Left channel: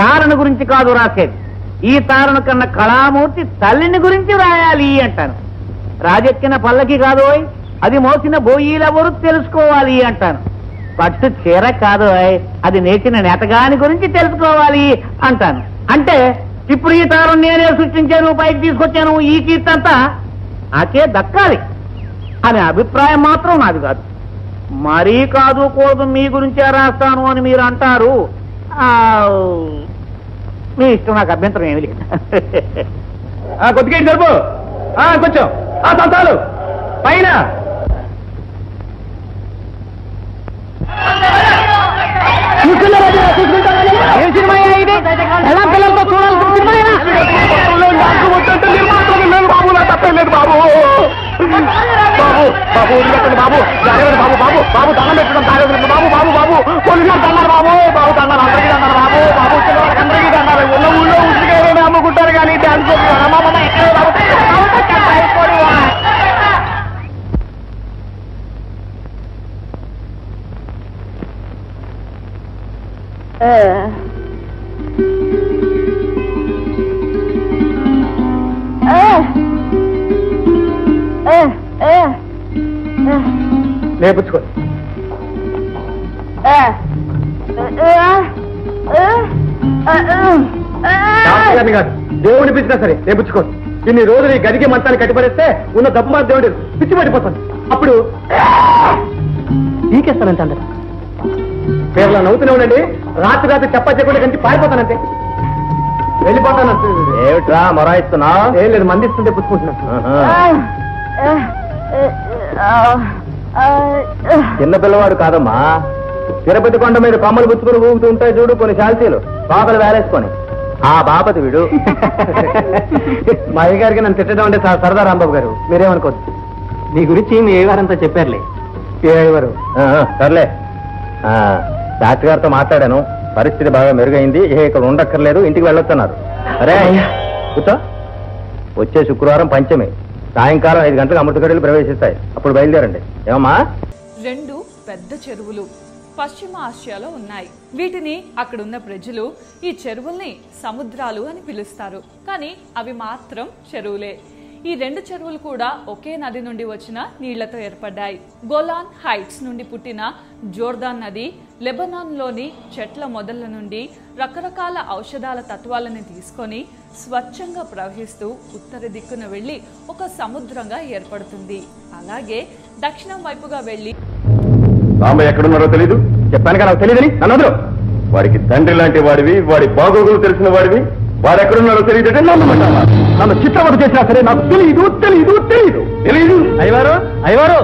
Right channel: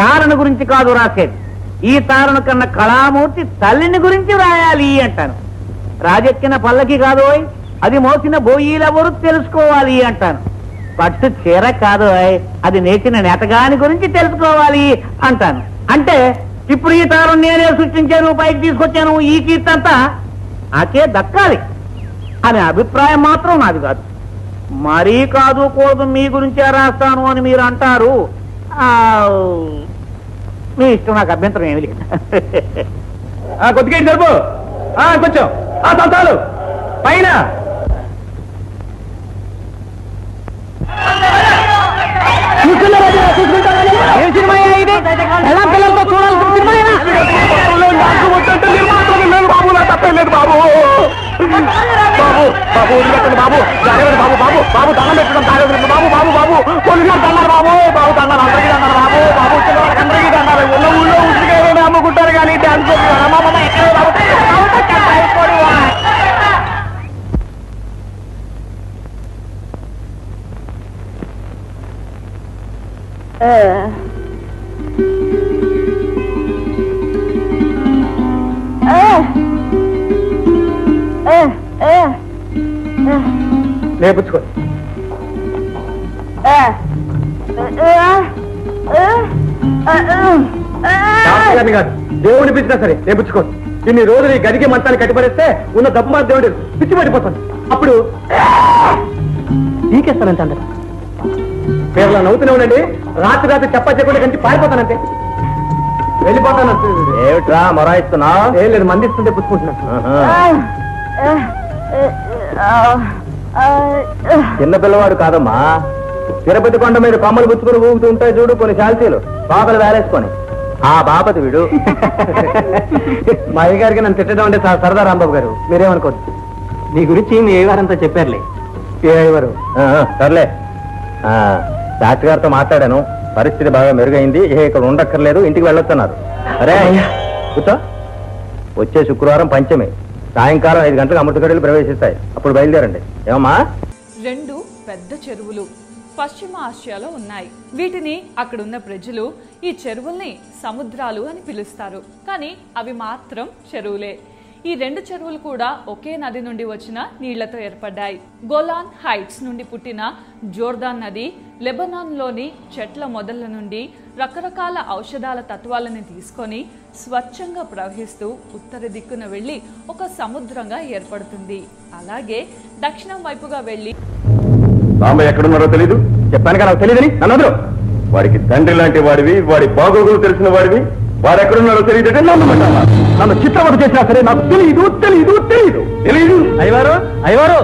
తారణ గురించి కాదు రాసేది, ఈ తారణ కన్నా కళామూర్తి తల్లిని గురించి రాయాలి అంటాను. రాజెక్కిన పల్లకి కాదు, అది మోసిన బోయీలెవరు తెలుసుకోవాలి అంటాను. పట్టు చీర కాదు, అది నేర్చిన నేతగాని గురించి తెలుసుకోవాలి అంటాను. అంటే ఇప్పుడు ఈ తారణ నేనే సృష్టించాను, పైకి తీసుకొచ్చాను, ఈ కీర్తి అంతా నాకే దక్కాలి అనే అభిప్రాయం మాత్రం నాది కాదు. మరీ కాదు కూడదు మీ గురించే రాస్తాను అని మీరు అంటారు. మీ ఇష్టం, నాకు అభ్యంతరం ఏమి లేదు. కొద్దిగా జరుపు, కొంచెం సంతాలు పైన. ఏం సినిమా ఇది? ఎలా పిల్లలతో చూడాల్సిన సినిమా? బాబు నా తప్పలేదు బాబు. బాబు బాబు వదిలేకండి బాబు, బాబు బాబు బాబు దండం పెట్టడం తాగదు బాబు. బాబు బాబు పోలీసు గారు దండారు బాబు. బాబు దండారు, అందరికీ దండారు బాబు. బాబు చిన్నవాళ్ళకి అందరికీ దండారు. ఉన్న ఊళ్ళో ఉసిరిగా అమ్ముకుంటారు కానీ డాన్స్ ఎక్కడ బాబు. లేపుచ్చుకో. కాదు, దేవుడిని పిచ్చినా సరే లేపుచ్చుకో. ఇన్ని రోజులు ఈ గదికి మంచాన్ని కట్టిపడేస్తే ఉన్న దప్పు మాత్రం దేవుడు పిచ్చి పడిపోతాను. అప్పుడు నీకేస్తానంటే అందరు పేర్లా నవ్వుతూనే ఉండండి. రాత్రి రాత్రి చెప్పకుండా కంచి పారిపోతానంటే వెళ్ళిపోతానంటే. ఏమిట్రా మొరాయిస్తున్నా? ఏం లేదు, మందిస్తుంటే పుచ్చుకుంటున్నా. చిన్న పిల్లవాడు కాదమ్మా, తిరుపతి కొండ మీద కొమ్మలు పుచ్చుకుని ఊగుతూ ఉంటాయి చూడు కొన్ని శాల్తీలు, బాపలు వేలేసుకొని. ఆ బాపతి వీడు. మా అయ్యగారికి నన్ను తిట్టడం అంటే సరదా రాంబాబు గారు, మీరేమనుకోవచ్చు. నీ గురించి మీ అయ్యగారంతా చెప్పారులే. ఏ అయ్యగారు? సర్లే, డాక్టర్ గారితో మాట్లాడాను, పరిస్థితి బాగా మెరుగైంది, ఇక్కడ ఉండక్కర్లేదు, ఇంటికి వెళ్ళొస్తున్నారు. అరే కూర్చో. వచ్చే శుక్రవారం పంచమి, సాయంకాలం 5 గంటలకు అమృతగడులు ప్రవేశిస్తాయి, అప్పుడు బయలుదేరండి. ఏమమ్మా? 2 పెద్ద చెరువులు పశ్చిమ ఆసియాలో ఉన్నాయి. వీటిని అక్కడున్న ప్రజలు ఈ చెరువుల్ని సముద్రాలు అని పిలుస్తారు, కానీ అవి మాత్రం చెరువులే. ఈ 2 చెరువులు కూడా ఒకే నది నుండి వచ్చిన నీళ్లతో ఏర్పడ్డాయి. గోలాన్ హైట్స్ నుండి పుట్టిన జోర్దాన్ నది లెబనాన్లోని చెట్ల మొదళ్ల నుండి రకరకాల ఔషధాల తత్వాలను తీసుకొని స్వచ్ఛంగా ప్రవహిస్తూ ఉత్తర దిక్కున వెళ్లి ఒక సముద్రంగా ఏర్పడుతుంది. అలాగే దక్షిణం వైపుగా వెళ్లి బాంబయ్య ఎక్కడున్నారో తెలీదు, చెప్పాను కదా నాకు తెలియదని. నన్ను వాడికి తండ్రి లాంటి వాడివి, వాడి బాగోగులు తెలిసిన వాడివి, వాడు ఎక్కడున్నారో తెలియదంటే నమ్మమంటావా? నన్ను చిత్రవత చేసినా సరే నాకు తెలియదు. అయ్యవారు